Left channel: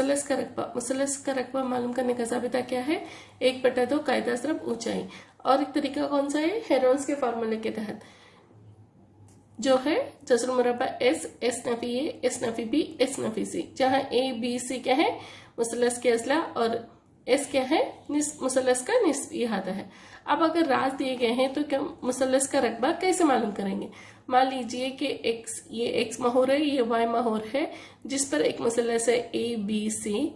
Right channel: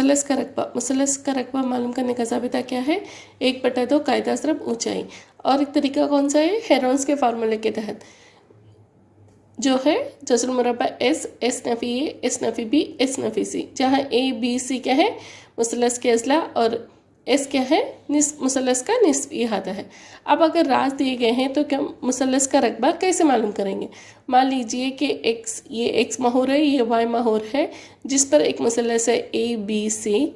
मुसलस का रकबा। मुसलस का रकबा मालूम करने का ज़ाबिता क्या है? 1/2 कायदा ज़रब ऊंचाई। और एक तरीका कौन सा है? हेरोन्स के फार्मूले के तहत जो है जज़रुल मुरब्बा एस, एस नफ़ी ए, एस नफ़ी बी, एस नफ़ी सी, जहाँ ए बी सी क्या है? मुसलस के अज़ला और एस क्या है? मुसलस का निस्बी अहाता है। अब अगर राज दिए गए हैं तो क्या मुसलस का रकबा कैसे मालूम करेंगे? मान लीजिए कि एक्स, ये एक्स महूर है, ये वाई महूर है, जिस पर एक मुसलस है ए बी सी,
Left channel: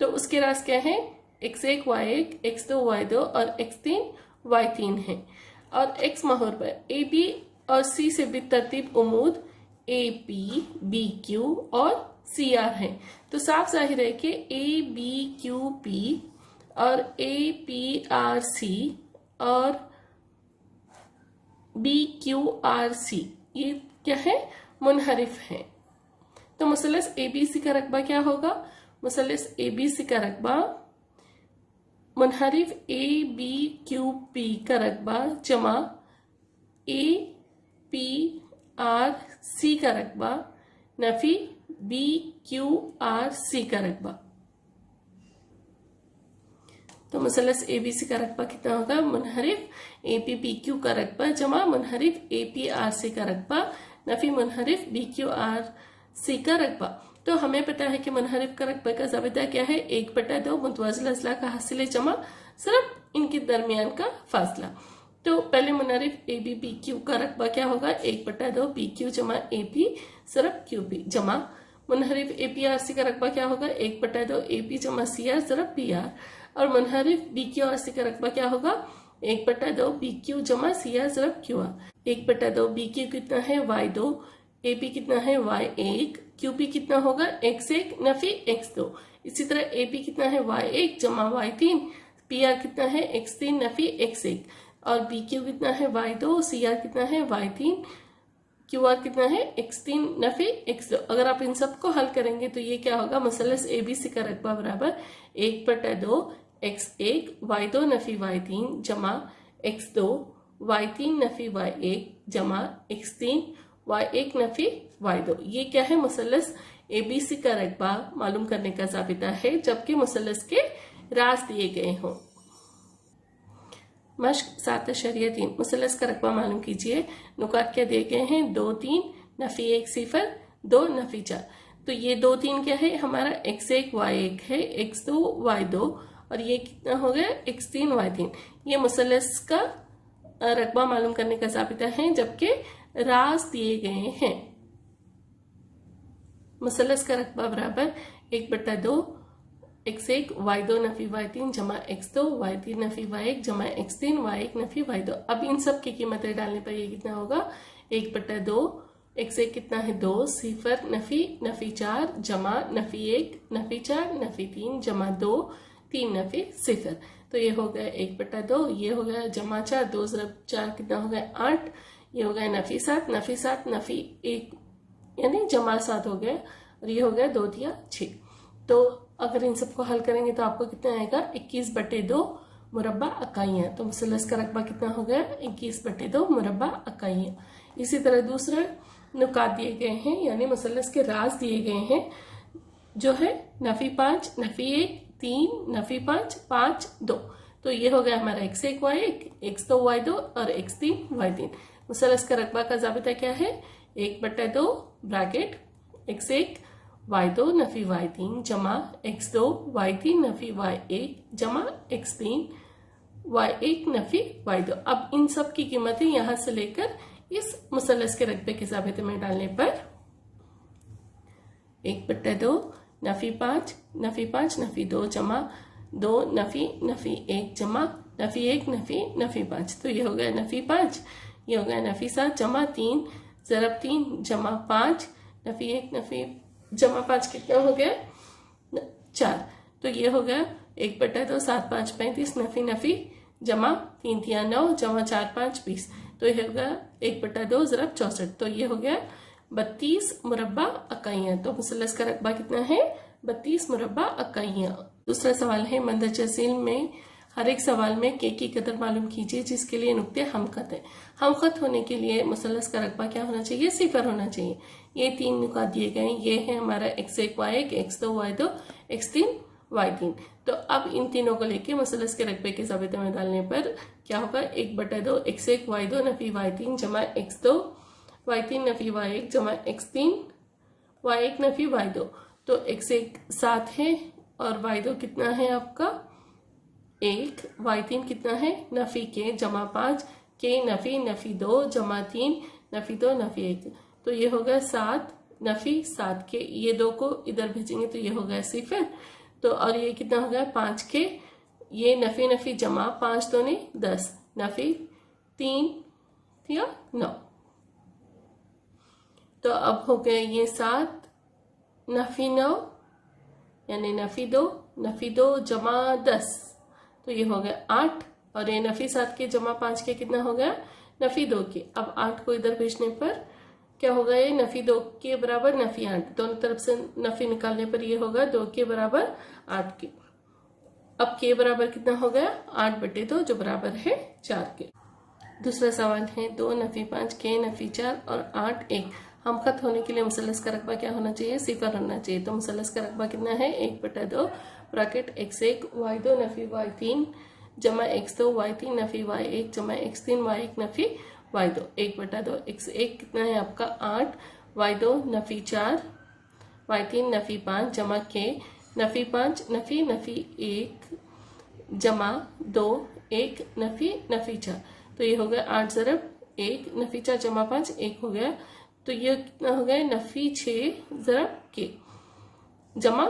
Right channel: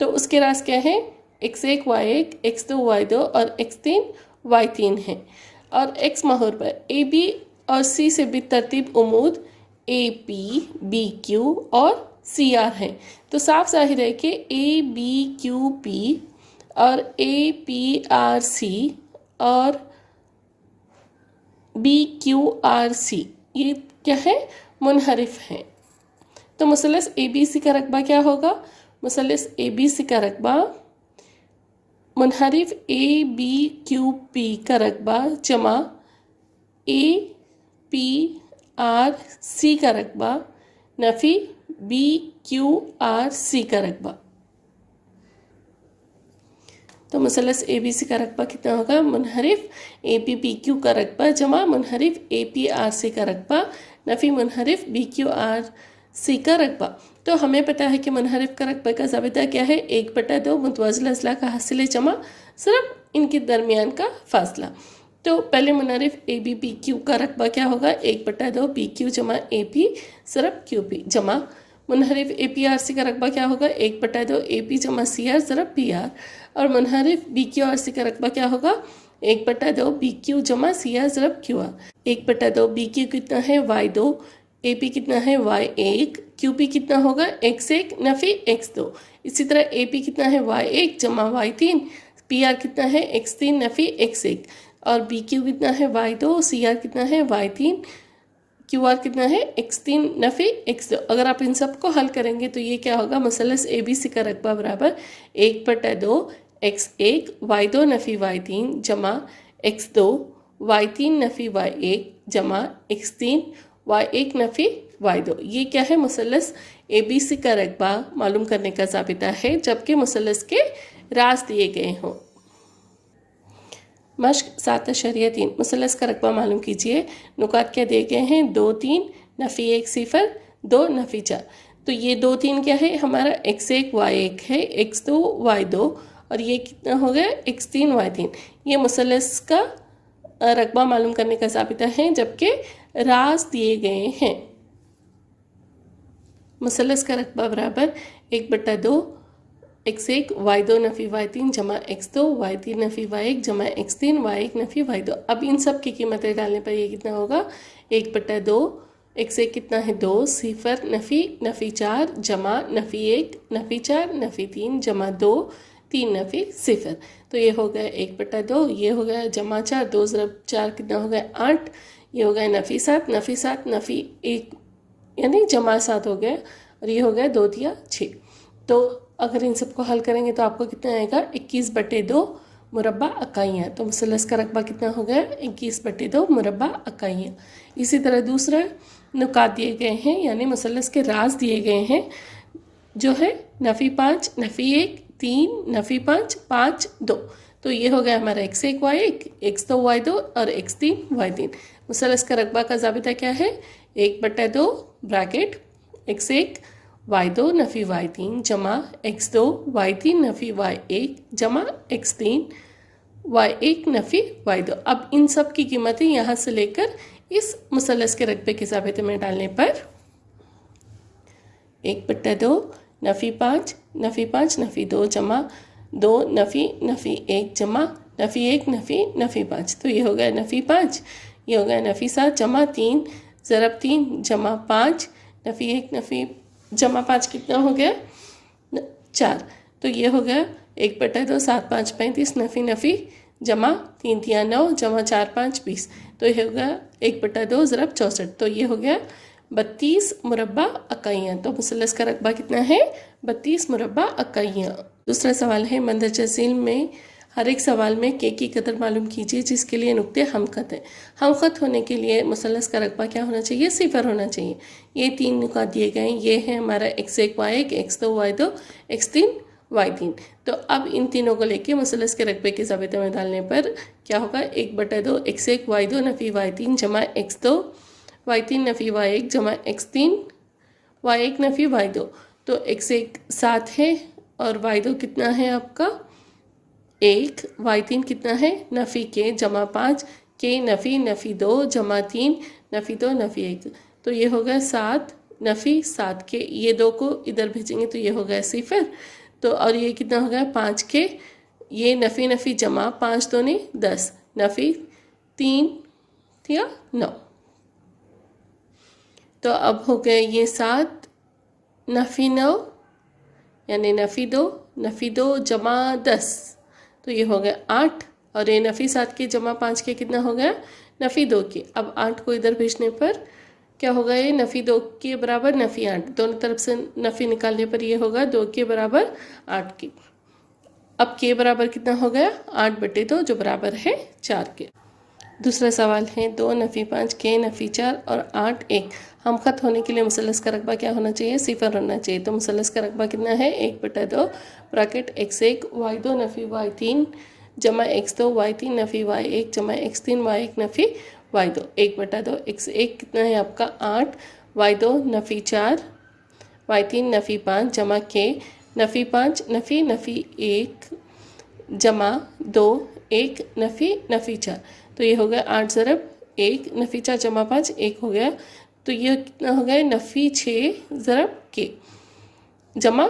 तो उसके राज क्या है? x1 y1, x2 y2 और x3 y3 है। और x महूर पर ए बी और सी से भी तरतीब उमूद ए पी, बी क्यू और सी आर है। तो साफ जाहिर है कि ए बी क्यू पी और ए पी आर सी और बी क्यू आर सी ये क्या है? मुनहरिफ है। तो मुसलस ए बी सी का रकबा क्या होगा? मुसलस ए बी सी का रकबा मुनहरिफ ए बी क्यू पी का रकबा जमा ए पी आर सी का रकबा नफ़ी बी क्यू आर सी का रकबा। तो मुसलस ए बी सी का रकबा कितना होगा? मुनहरिफ ए पी पी क्यू का रकबा जमा मुनहरिफ ए पी आर सी का रकबा नफ़ी मुनहरिफ बी क्यू आर सी का रकबा। तो हमें पता है कि मुनहरिफ का रकबे का ज़ाबिता क्या है? 1/2 मुतवाज़िल अज़ला का हासिल जमा सिर्फ इनके दरमियान का फासला। तो पहले मुनहरिफ ए बी पी क्यू का रकबा क्या होगा? 1/2 पी क्यू जमा ए पी सिर्फ क्यू पी जमा मुनहरिफ ए पी आर सी का रकबा क्या होगा? 1/2 ए पी जमा सी आर सिर्फ पी आर। और मुनहरिफ बी क्यू आर सी का रकबा क्या होगा? 1/2 बी क्यू जमा सी आर सिर्फ क्यू आर। 1/2 बी क्यू कितना है? y2, ए पी कितना है? y1, क्यू पी कितना होगा? x1 नफ़ी x2। इसी तरह ए पी कितना है? y1 जमा y3, पी आर कितना है? x3 नफ़ी x1। और बी क्यू कितना है? y2, सी आर कितना है? y3, क्यू आर कितना है? x3 नफ़ी x2। अगर आप इन सब को हल करेंगे तो ये क्या होगा? मुसलस ए बी सी का रकबा बराबर 1/2 x1 y2 नफ़ी y3 जमा x2 y3 नफ़ी y1 जमा x3 y1 नफ़ी y2। ये क्या है? मुसलस ए बी सी का रकबा मालूम करने का ज़ाबिता है जबकि मुसलस के राज दिए गए हों। मश्क 7/3 मुसलस का रकबा मालूम कीजिए। नुकात क्या दिए गए हैं? 2 3 नफ़ी 1 0 2 नफ़ी 4। तो ये 2 3 क्या है? हमारा x1 y1 है, x2 y2 और ये कितना हो गया? x3 y3। ये मुसलस का रकबा मालूम करने का ज़ाबिता है जबकि राज दिए गए हैं। मुसलस का रकबा बराबर 1/2 x1 y2 नफ़ी y3 जमा x2 y3 नफ़ी y1 जमा x3 y1 नफ़ी y2। अब इन सब की कीमतें डालने पर ये कितना होगा? 1/2 x1 कितना है? 2 0 नफ़ी नफ़ी 4 जमा नफ़ी 1 नफ़ी 4 नफ़ी 3 जमा 2 3 नफ़ी 0। तो ये हो गया 1/2, ये हो गया जमा 4, 2 ज़रब 4 कितना हो गया? 8। ये हो गया नफ़ी 7 नफ़ी 1 यानी जमा 7 हो गया और ये हो गया 2 दिया 6। तो अगर इन सबको हल करेंगे तो आपको कितना आएगा? 21/2 मुरब्बा इकाइयाँ। तो मुसलस का रकबा कितना हो गया? 21/2 मुरब्बा इकाइयाँ। इसी तरह दूसरा नुकात दिए गए हैं यानी मुसलस के राज दिए गए हैं जो है नफ़ी 5 नफ़ी 1 3 नफ़ी 5 5 2। तो ये हो गया हमारा x1 y1, x2 y2 और x3 y3। मुसलस का रकबा का ज़ाबिता क्या है? 1/2 ब्रैकेट x1 y2 नफ़ी y3 जमा x2 y3 नफ़ी y1 जमा x3 y1 नफ़ी y2। अब इन सब की कीमतें यहाँ से लेकर इस मुसलस के रकबे के ज़ाबिते में डालने पर 1/2 नफ़ी 5 नफ़ी 2 जमा 2 नफ़ी 1 जमा नफ़ी 1 नफ़ी 5। तो ये हो गया नफ़ी 5, ये हो गया नफ़ी 7 जमा 3 ज़रब 3 जमा 5 नफ़ी 1 नफ़ी जमा 5 कितना हो गया? 4। तो ये हो गया 1/2 7 5 35 नफ़ी जमा 3 3 9 जमा 4 5 20। तो ये हो गया 1/2 ज़रब 64। तो ये हो गया 32 मुरब्बा इकाइयाँ। तो मुसलस का रकबा कितना है? 32 मुरब्बा इकाइयाँ। दूसरा सवाल है मंदरजा झील में हर एक सवाल में के की कदर मालूम कीजिए जिसके लिए नुक्ते हमखत हैं। हमखत होने के लिए मुसल्लस का रकबा क्या होना चाहिए? सिफर होना चाहिए। ये 3 नुकात दिए गए हैं, ये है हमारा x1 y1 x2 y2 x3 y3। तो अब इन तीनों को लेके मुसल्लस के रकबे के ज़ाबिते में डालने पर क्या होगा? 1/2 x1 y2 नफ़ी y3 जमा x2 y3 नफ़ी y1 जमा x3 y1 नफ़ी y2। तो x1 7 है और y2 कितना है आपका 1, y3 कितना है नफ़ी के जमा 5 के नफ़ी नफ़ी 2 जमा 3 नफ़ी 2 नफ़ी 1। तो ये हो गया 7 नफ़ी 7 के, ये 2 को इधर भेजेंगे तो ये हो गया सिफर। तो और ये कितना हो गया 5 के, ये नफ़ी नफ़ी जमा 5 दूनी 10 नफ़ी 3 या 9। तो अब हो गए ये 7 नफ़ी 9 यानी नफ़ी 2 जमा 10, तो ये हो गया 8 और ये नफ़ी 7 के जमा 5 के कितना हो गया नफ़ी 2 के। अब 8 को इधर भेजने पर क्या होगा? ये नफ़ी 2 के बराबर नफ़ी 8, दोनों तरफ से नफ़ी निकालने पर ये होगा 2 के बराबर 8 के। अब के बराबर कितना हो गया 8/2 जो बराबर है 4 के। दूसरा सवाल है 2 नफ़ी 5 के नफ़ी 4 और 8 1। हमखत होने के लिए मुसल्लस का रकबा क्या होना चाहिए? सिफर होना चाहिए। तो मुसल्लस का रकबा कितना है? 1/2 ब्रैकेट x1 y2 नफ़ी y3 जमा x2 y3 नफ़ी y1 जमा x3 y1 नफ़ी y2। 1/2 x1 कितना है आपका 8 y2 नफ़ी 4 y3 नफ़ी 5 जमा के नफ़ी 5 नफ़ी नफ़ी 1 जमा 2 1 नफ़ी नफ़ी 4। तो ये हो गया 8 ज़रब 1 नफ़ी 4 जमा 5 1 हो गया। तो ये कितना हो गया नफ़ी 6 ज़रब के जमा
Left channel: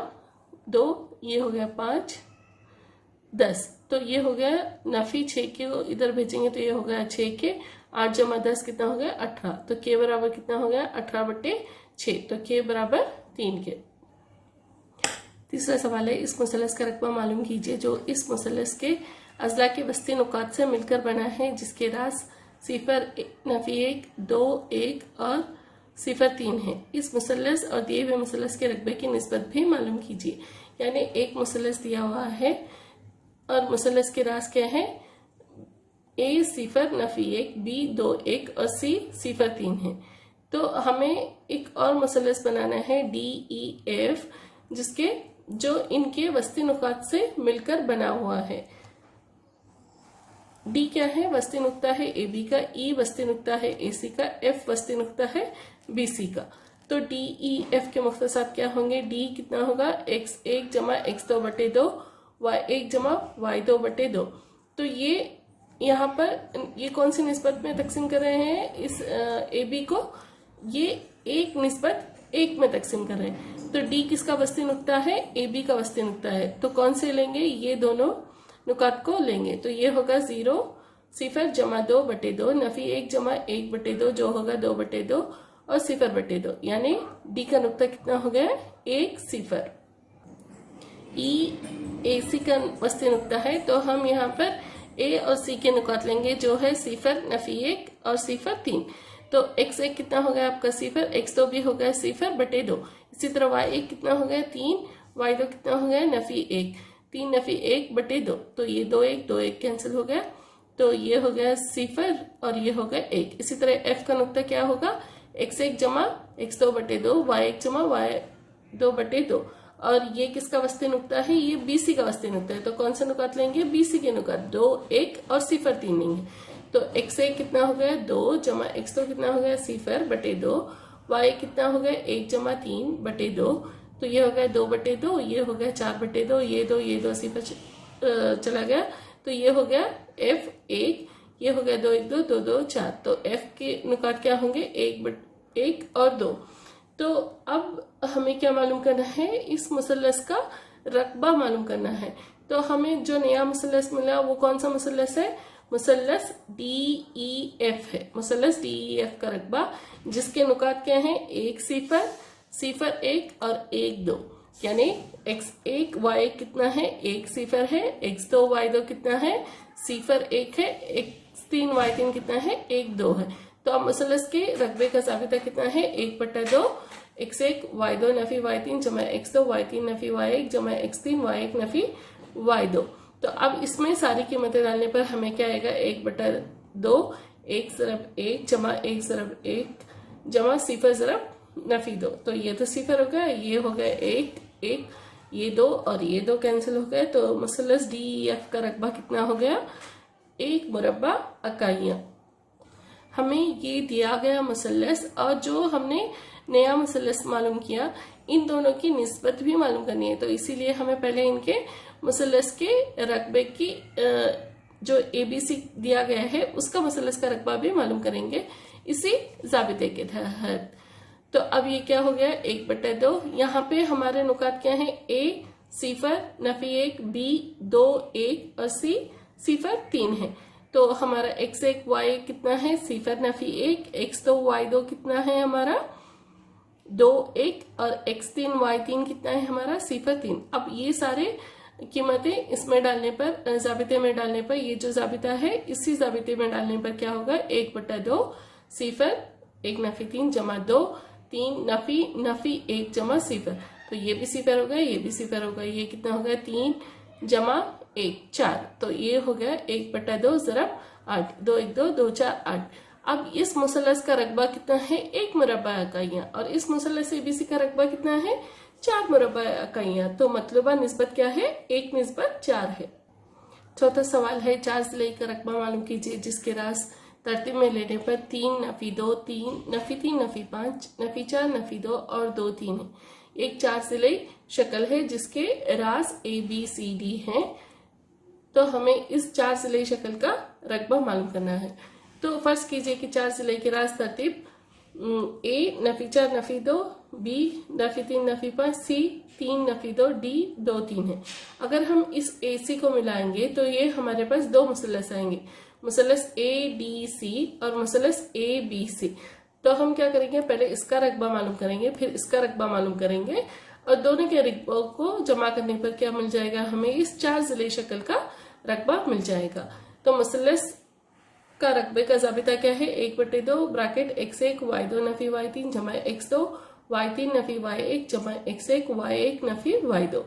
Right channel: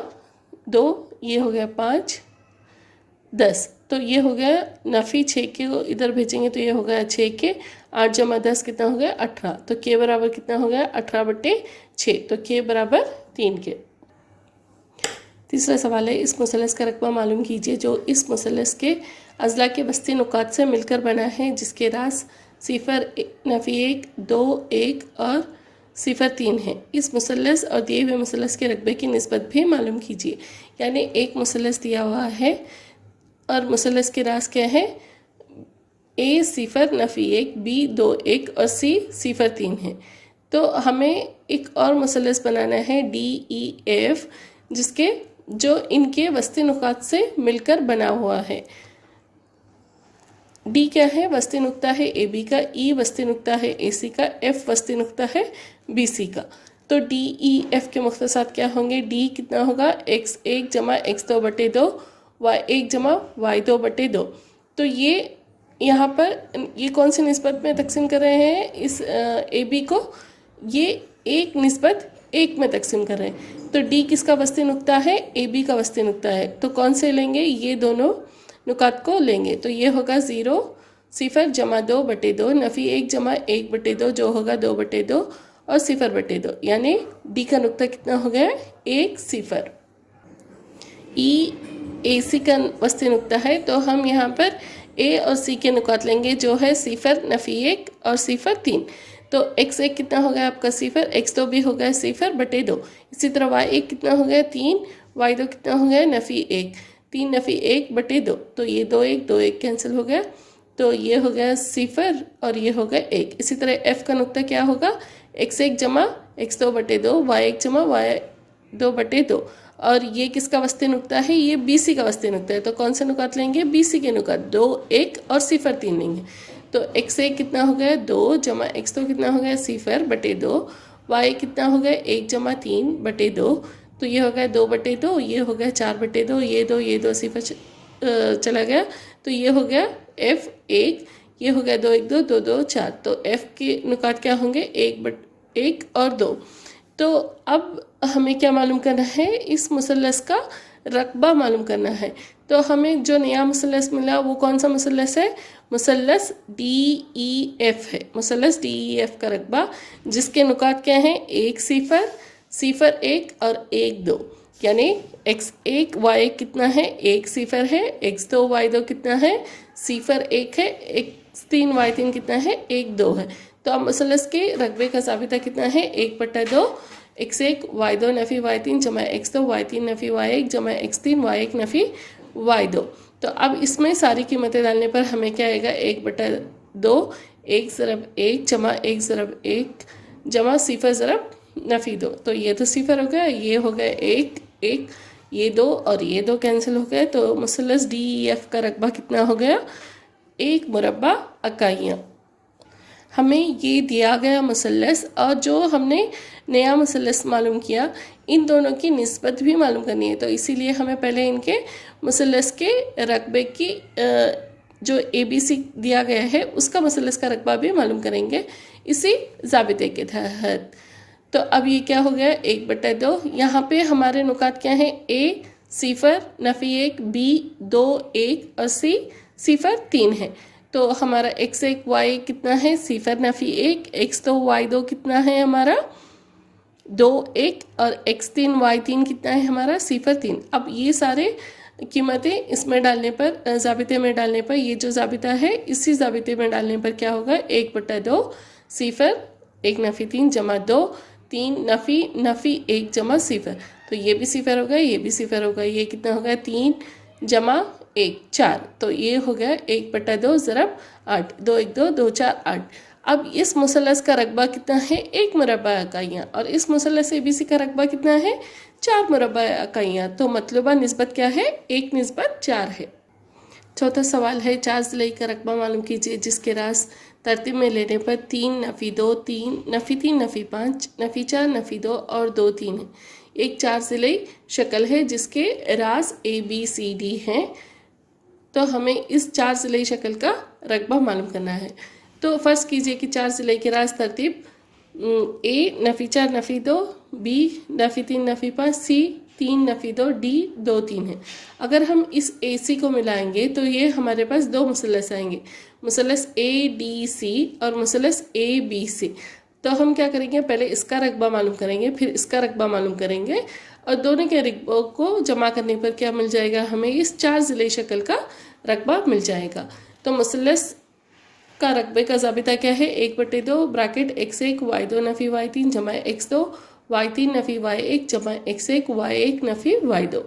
2, ये हो गया 5 10। तो ये हो गया नफ़ी 6 के को इधर भेजेंगे तो ये हो गया 6 के, 8 जमा 10 कितना हो गया 18। तो के बराबर कितना हो गया 18/6। तो के बराबर 3 के। तीसरा सवाल है इस मुसल्लस का रकबा मालूम कीजिए जो इस मुसल्लस के अज़ला के वस्ती नुकात से मिलकर बना है जिसके रास सिफर नफ़ी 1 2 1 और सिफर 3 है। इस मुसल्लस और दिए हुए मुसल्लस के रकबे की निस्बत भी मालूम कीजिए। यानी एक मुसल्लस दिया हुआ है और मुसल्लस के रास क्या है? ए सिफर नफ़ी 1 बी 2 1 और सी सिफर 3 है। तो हमें एक और मुसल्लस बनाना है DEF जिसके जो इनके वस्ती नुकात से मिलकर बना हुआ है। डी क्या है? वस्ती नुक्ता है AB का, ई वस्ती नुक्ता है AC का, F वस्ती नुक्ता है BC का। तो DEF के मुख्तसात क्या होंगे? D कितना होगा x1 जमा x2/2 y1 जमा y2/2। तो ये यहाँ पर ये कौन सी निस्बत में तकसीम कर रहे हैं इस AB को? ये 1 निस्बत 1 में तकसीम कर रहे हैं। तो D किसका वस्ती नुक्ता है? AB का वस्ती नुक्ता है। तो कौन से लेंगे? ये दोनों नुकात को लेंगे। तो ये होगा 0 सिफर जमा 2/2 नफ़ी 1 जमा 1/2 जो होगा 2/2 और सिफर/2, यानी डी का नुक्ता कितना हो गया 1 सिफर। AC का वस्ती नुक्ता है तो हम यहाँ पर A और C के नुकात लेंगे जो है सिफर नफ़ी 1 और सिफर 3। तो x1 कितना हो गया आपका सिफर, x2 भी हो गया सिफर/2। इसी तरह y1 कितना हो गया 3, y2 कितना हो गया नफ़ी 1 3 नफ़ी 1/2। तो ये 2 1 कैंसिल हो गया, तो ये हो गया सिफर और ये हो गया 1। इसी तरह F का नुक्ता क्या होगा x1 जमा x2/2 y1 जमा y2/2 और ये किसका वस्ती नुक्ता है? ये BC का वस्ती नुक्ता है। तो कौन से नुकात लेंगे? BC के नुकात 2 1 और सिफर 3 लेंगे। तो x1 कितना हो गया 2 जमा x2 कितना हो गया सिफर/2 y कितना हो गया 1 जमा 3/2। तो ये हो गया 2/2, ये हो गया 4/2, ये 2 सिफर चला गया। तो ये हो गया F1, ये हो गया 2 1 2 2 2 4। तो F के नुकात क्या होंगे 1 और 2। तो अब हमें क्या मालूम करना है? इस मुसल्लस का रकबा मालूम करना है। तो हमें जो नया मुसल्लस मिला वो कौन सा मुसल्लस है? मुसल्लस DEF है। मुसल्लस DEF का रकबा जिसके नुकात क्या हैं? 1 सिफर सिफर 1 और 1 2, यानी x1 y1 कितना है 1 सिफर है, x2 y2 कितना है सिफर 1 है, x3 y3 कितना है 1 2 है। तो अब मुसल्लस के रकबे का ज़ाबिता कितना है 1/2 x1 y2 नफ़ी y3 जमा x2 y3 नफ़ी y1 जमा x3 y1 नफ़ी y2। तो तो अब इसमें सारी कीमतें डालने पर हमें क्या आएगा, 1/2 1 ज़रब 1 जमा 1 ज़रब 1 जमा सिफर ज़रब नफ़ी 2। तो ये तो सिफर हो गया, ये हो गया 1 1, ये 2 और ये 2 कैंसिल हो गए। तो मुसल्लस DEF का रकबा कितना हो गया, 1 मुरब्बा इकाइयाँ। हमें ये दिया गया मुसल्लस और जो हमने नया मुसल्लस मालूम किया, इन दोनों की निस्बत भी मालूम करनी है। तो इसीलिए हमें पहले इनके मुसल्लस के रकबे की जो ABC दिया गया है उसका मुसल्लस का रकबा भी मालूम करेंगे इसी ज़ाबिते के तहत। तो अब ये क्या हो गया, 1/2। यहाँ पे हमारे नुकात क्या हैं, A सिफर नफ़ी 1, B 2 1 और C सिफर 3 है। तो हमारा x1 y कितना है, सिफर नफ़ी 1, x2 y2 कितना है हमारा 2 1 और x3 y3 कितना है हमारा सिफर 3। अब ये सारे कीमतें इसमें डालने पर, ज़ाबिते में डालने पर, ये जो ज़ाबिता है इसी ज़ाबिते में डालने पर क्या होगा, 1/2 सिफर 1 नफ़ी 3 जमा 2 3 नफ़ी 1 जमा सिफर। तो ये भी सिफर होगा, ये भी सिफर होगा, ये कितना होगा 3 जमा 1 4। तो ये हो गया 1/2 ज़रब 8, 2 1 2 2 4 8। अब इस मुसल्लस का रकबा कितना है, 1 मुरब्बा इकाइयाँ, और इस मुसल्लस ABC का रकबा कितना है, 4 मुरब्बा इकाइयाँ। तो मतलूबा निस्बत क्या है, 1/4 है। चौथा सवाल है, 4 ज़िले का रकबा मालूम कीजिए जिसके रास तरतीब में लेने पर 3 नफ़ी 2 3 नफ़ी 3 नफ़ी 5 नफ़ी 4 नफ़ी 2 और 2 3 है। एक 4 ज़िले शक्ल है जिसके रास ABCD हैं। तो हमें इस 4 ज़िले शक्ल का रकबा मालूम करना है। तो फ़र्ज़ कीजिए कि 4 ज़िले की रास तरतीब A नफ़ी 4 नफ़ी 2, B नफ़ी 3 नफ़ी 5, C 3 नफ़ी 2, D 2 3 है। अगर हम इस AC को मिलाएंगे तो ये हमारे पास दो मुसल्लस आएंगे, मुसल्लस ADC और मुसल्लस ABC। तो हम क्या करेंगे, पहले इसका रकबा मालूम करेंगे, फिर इसका रकबा मालूम करेंगे, और दोनों के रकबों को जमा करने पर क्या मिल जाएगा, हमें इस 4 ज़िले शक्ल का रकबा मिल जाएगा। तो मुसल्लस का रकबे का ज़ाबिता क्या है, 1/2 ब्रैकेट x1 y2 नफ़ी y3 जमा x2 y3 नफ़ी y1 जमा x1 y1 नफ़ी y2।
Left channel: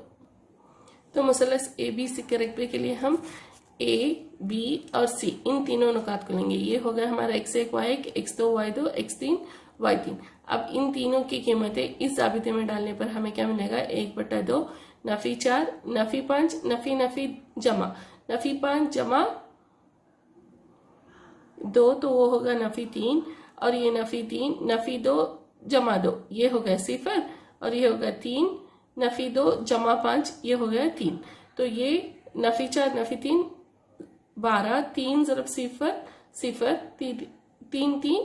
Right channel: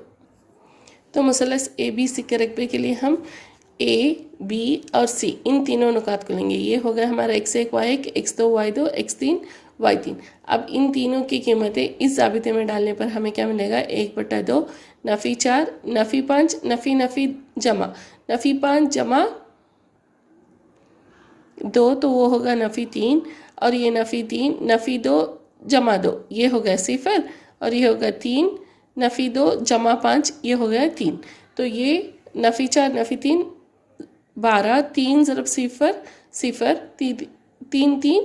तो मुसल्लस ABC के रकबे के लिए हम A B और C इन तीनों नुकात को लेंगे। ये हो गया हमारा x1 y1 x2 y2 x3 y3। अब इन तीनों की कीमतें इस ज़ाबिते में डालने पर हमें क्या मिलेगा, 1/2 नफ़ी 4 नफ़ी 5 नफ़ी नफ़ी जमा नफ़ी 5 जमा 2, तो वो होगा नफ़ी 3, और ये नफ़ी 3 नफ़ी 2 जमा 2 ये हो गया सिफर, और ये होगा 3 नफ़ी 2 जमा 5 ये हो गया 3। तो ये नफ़ी 4 नफ़ी 3 12 3 ज़रब सिफर सिफर 3 3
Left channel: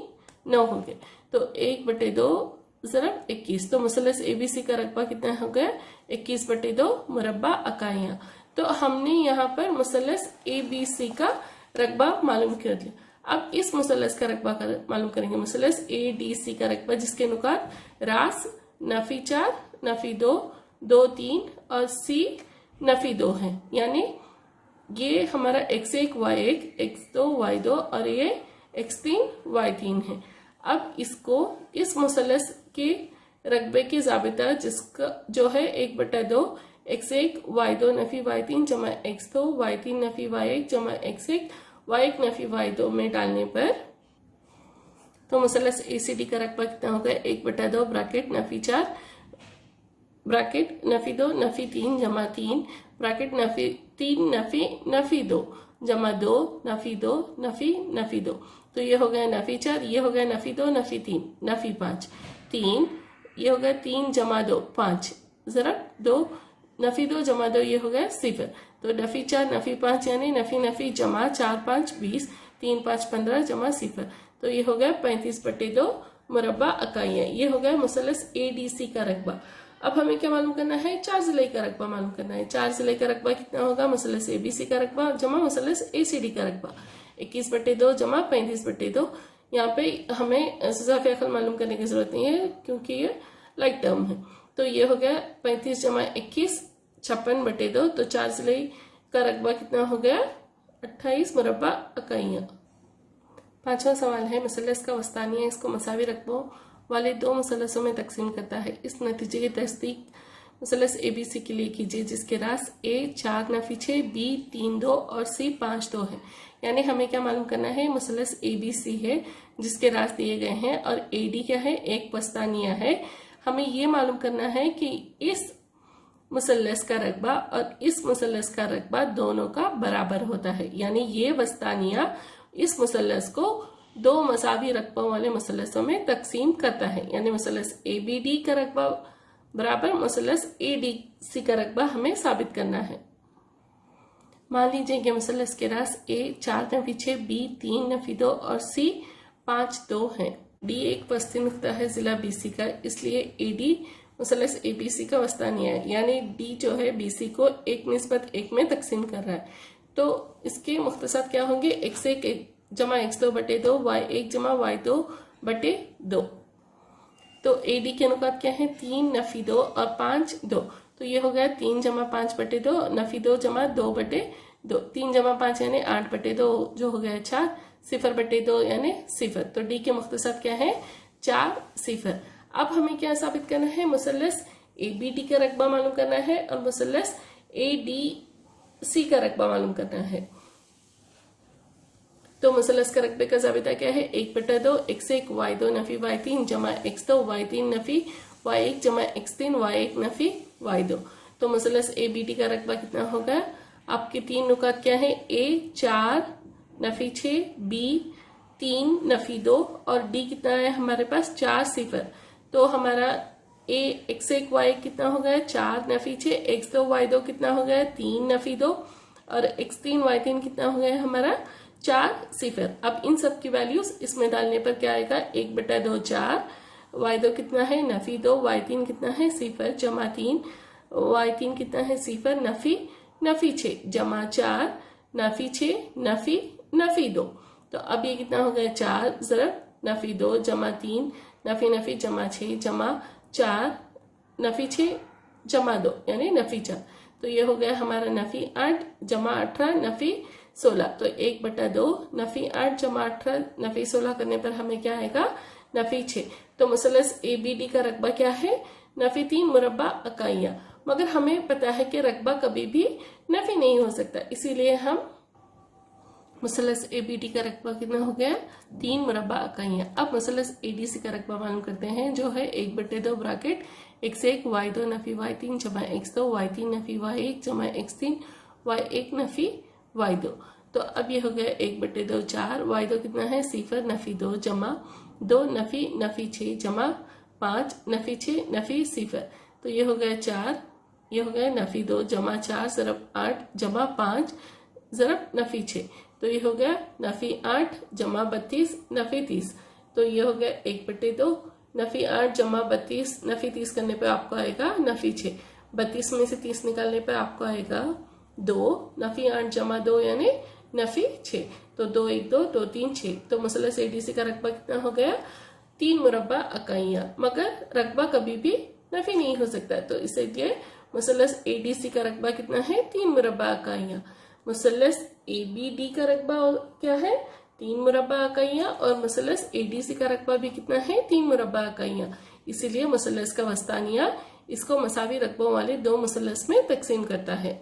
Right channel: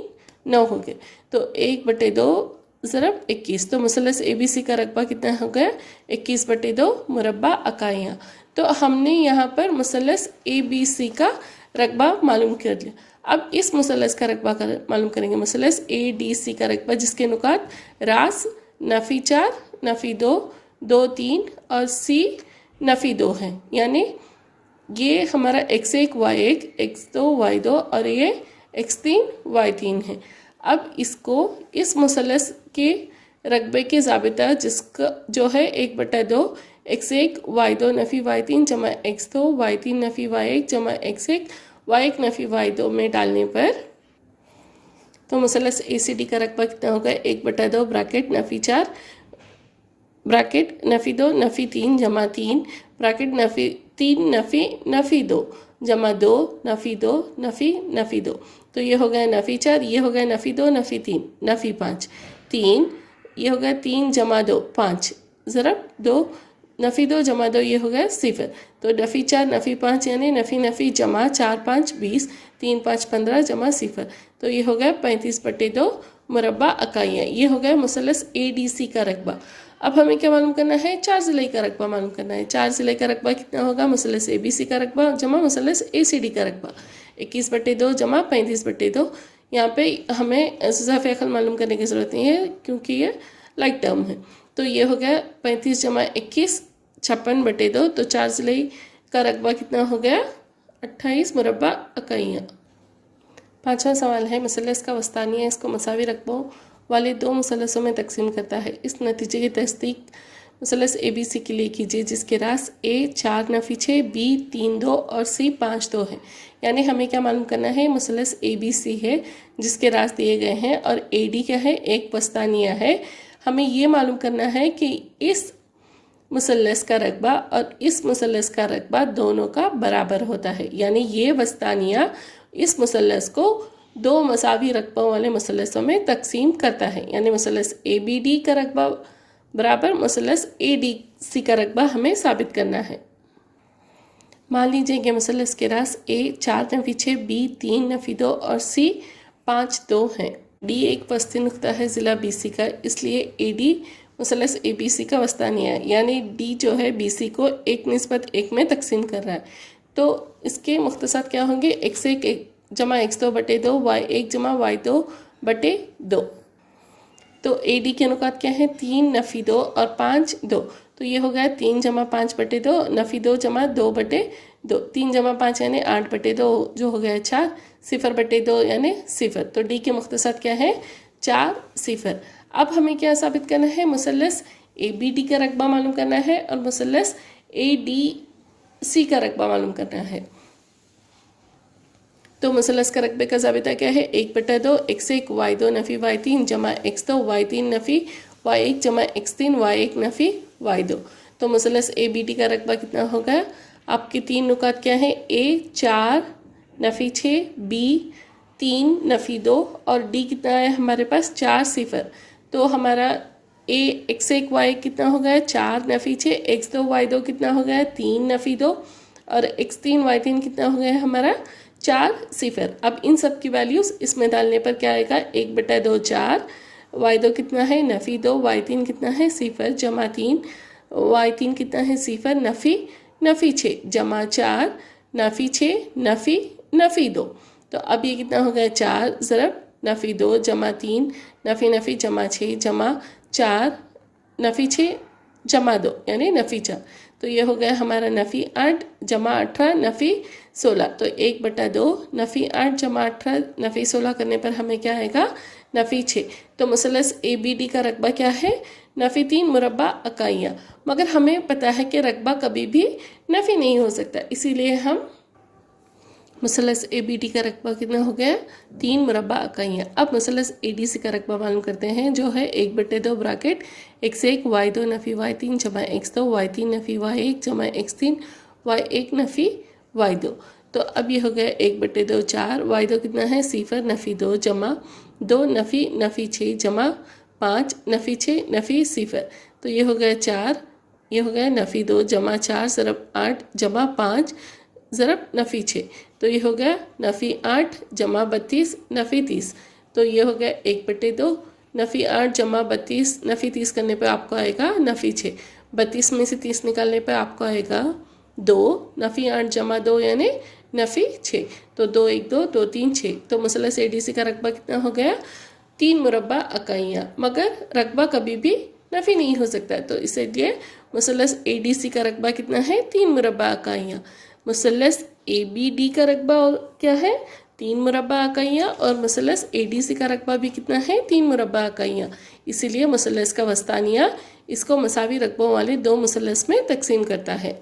9 हो गए। तो 1/2 ज़रब 21। तो मुसल्लस ABC का रकबा कितना हो गया, 21/2 मुरब्बा इकाइयाँ। तो हमने यहाँ पर मुसल्लस ABC का रकबा मालूम कर लिया। अब इस मुसल्लस का रकबा मालूम करेंगे, मुसल्लस ADC का रकबा जिसके नुकात रास नफ़ी 4 नफ़ी 2 2 3 और C नफ़ी 2 हैं। यानी ये हमारा x1 y1 x2 y2 और ये x3 y3 है। अब इसको इस मुसल्लस के रकबे के ज़ाबिता जिसका जो है 1/2 x1 y2 नफ़ी y3 जमा x2 y3 नफ़ी y1 जमा x1 y1 नफ़ी y2 में डालने पर तो मुसल्लस ACD का रकबा कितना होगा, 1/2 ब्रैकेट नफ़ी 4 ब्रैकेट नफ़ी 2 नफ़ी 3 जमा 3 ब्रैकेट नफ़ी 3 नफ़ी 2 जमा 2 नफ़ी 2 नफ़ी 2। तो ये हो गया नफ़ी 4, ये हो गया नफ़ी 2 नफ़ी 3 नफ़ी 5 3, ये हो गया 3 जमा 2 5 ज़रब 2 नफ़ी 2 जमा 2 ये हो गया सिफर। तो नफ़ी 4 नफ़ी 5 यानी नफ़ी जमा 4 5 20 3 5 15 जमा सिफर। तो ये हो गया 35/2 मुरब्बा इकाइयाँ। ये हो गया मुसल्लस ADC का रकबा। अब हमें क्या मालूम करना है, 4 ज़िले का रकबा मालूम करना है। 4 ज़िले का रकबा कितना होगा, मुसल्लस ABC का रकबा जमा मुसल्लस ACD का रकबा 21/2 जमा 35/2। यहाँ पे हमें सुज़ाफ़े अक़ल मालूम करने की ज़रूरत नहीं है क्योंकि ये लाइक टर्म है। तो ये हो गया 35 जमा 21 56/2। तो 4 ज़िले का रकबा कितना हो गया, 28 मुरब्बा इकाइयाँ। पाँचवा सवाल है, मुसल्लस का वस्तानिया इसको मसावी रकबों वाले दो मुसल्लसों में तकसीम करता है। इस नतीजे की तस्दीक मुसलस ए बी सी के लिए कीजिए जिसके रास ए 4 नफी 6, बी 3 2 और सी 5 2 है। यानी हमें क्या मालूम करना है, मुसलस ए बी सी है जिसके रास दिए गए हैं और ए डी क्या है, एक वस्तानिया है। हमें ये मालूम करना है कि इस मुसल्लस का रकबा और इस मुसल्लस का रकबा दोनों का बराबर होता है। यानी ये वस्तानिया इस मुसल्लस को दो मसावी रकबों वाले मुसल्लसों में तकसीम करता है। यानी मुसल्लस ए बी डी का रकबा बराबर मुसल्लस ए डी सी का रकबा हमें साबित करना है। मान लीजिए कि मुसल्लस के रास ए 4 नफी 6, बी 3 नफी 2 और सी 5 2 हैं। डी एक वस्ती नुक्ता है ज़िला बी सी का, इसलिए A D मुसल्लस A B C का वस्तानिया है। यानी डी जो है बी सी को 1 निस्बत 1 में तकसीम कर रहा है। तो इसके मुख्तसर क्या होंगे, x1 जमा x2 बटे 2, y1 जमा y2 बटे 2। तो ए डी के अनुपात क्या है, 3 नफी 2 और 5 2। तो ये हो गया 3 जमा 5 बटे 2, नफी 2 जमा 2 बटे 2, 3 जमा 5 यानी 8 बटे 2 जो हो गया 4, 0 बटे 2 यानी 0। तो डी के मुख्तसर क्या है, 4 0। अब हमें क्या साबित करना है, मुसल्लस ए बी डी का रकबा मालूम करना है और मुसल्लस ए डी सी का रकबा मालूम करना है। तो मुसल्लस का रकबे का ज़ाबिता क्या है, 1/2 x1 y2 नफ़ी y3 जमा x2 y3 नफ़ी y1 जमा x3 y1 नफ़ी y2। तो मुसल्लस ए बी डी का रकबा कितना होगा, आपके 3 नुकात क्या है, ए 4 नफ़ी 6, बी 3 नफ़ी 2 और डी कितना है हमारे पास 4 0। तो हमारा ए x1 y1 कितना हो गया 4 नफ़ी 6, x2 y2 कितना हो गया 3 नफ़ी 2 और x3 y3 कितना हो गया हमारा 4 0। अब इन सब की वैल्यूज़ इसमें डालने पर क्या आएगा, 1/2 4, y2 कितना है नफ़ी 2, y3 कितना है 0 जमा 3, y3 कितना है 0 नफ़ी 6 जमा 4 नफ़ी 6 नफ़ी 2। तो अब ये कितना हो गया 4 ज़रब नफ़ी 2 जमा 3 नफ़ी जमा 6 जमा 4 नफ़ी 6 जमा 2 यानी नफ़ी 4। तो ये हो गया हमारा नफ़ी 8 जमा 18 नफ़ी 16। तो 1/2 नफ़ी 8 जमा 18 नफ़ी 16 करने पर हमें क्या आएगा, नफ़ी 6। तो मुसल्लस ए बी डी का रकबा क्या है, नफ़ी 3 मुरब्बा इकाइयाँ। मगर हमें पता है कि रकबा कभी भी नफ़ी नहीं हो सकता, इसीलिए हम मुसल्लस ए बी डी का रकबा कितना हो गया, 3 मुरब्बा इकाइयाँ। अब मुसल्लस ए डी सी का रकबा मालूम करते हैं जो है 1/2 ब्रैकेट x1 y2 नफ़ी y3 जमा x2 y3 नफ़ी y1 जमा x3 y1 नफ़ी y2। तो अब ये हो गया 1/2 4, y2 कितना है 0 नफ़ी 2 जमा 2 नफ़ी 6 जमा 5 नफ़ी 6 नफ़ी 0। तो ये हो गया 4, ये हो गया नफ़ी 2 जमा 4 ज़रब 8 जमा 5 ज़रब नफ़ी 6। तो ये हो गया नफ़ी 8 जमा 32 नफ़ी 30। तो ये हो गया 1/2 नफ़ी 8 जमा 32 नफ़ी 30 करने पे आपको आएगा नफ़ी 6। 32 में से 30 निकालने पे आपको आएगा 2, नफ़ी 8 जमा 2 यानी नफ़ी 6। तो 2 1 2 2 3 6। तो मुसल्लस ए डी सी का रकबा कितना हो गया, 3 मुरब्बा इकाइयाँ। मगर रकबा कभी भी नफ़ी नहीं हो सकता, तो इसलिए मुसल्लस ए डी सी का रकबा कितना है, 3 मुरब्बा इकाइयाँ। मुसल्लस ए बी डी का रकबा क्या है, 3 मुरब्बा इकाइयाँ और मुसल्लस ए डी सी का रकबा भी कितना है, 3 मुरब्बा इकाइयाँ। इसीलिए मुसल्लस का वस्तानिया इसको मसावी रकबों वाले 2 मुसल्लस में तकसीम करता है।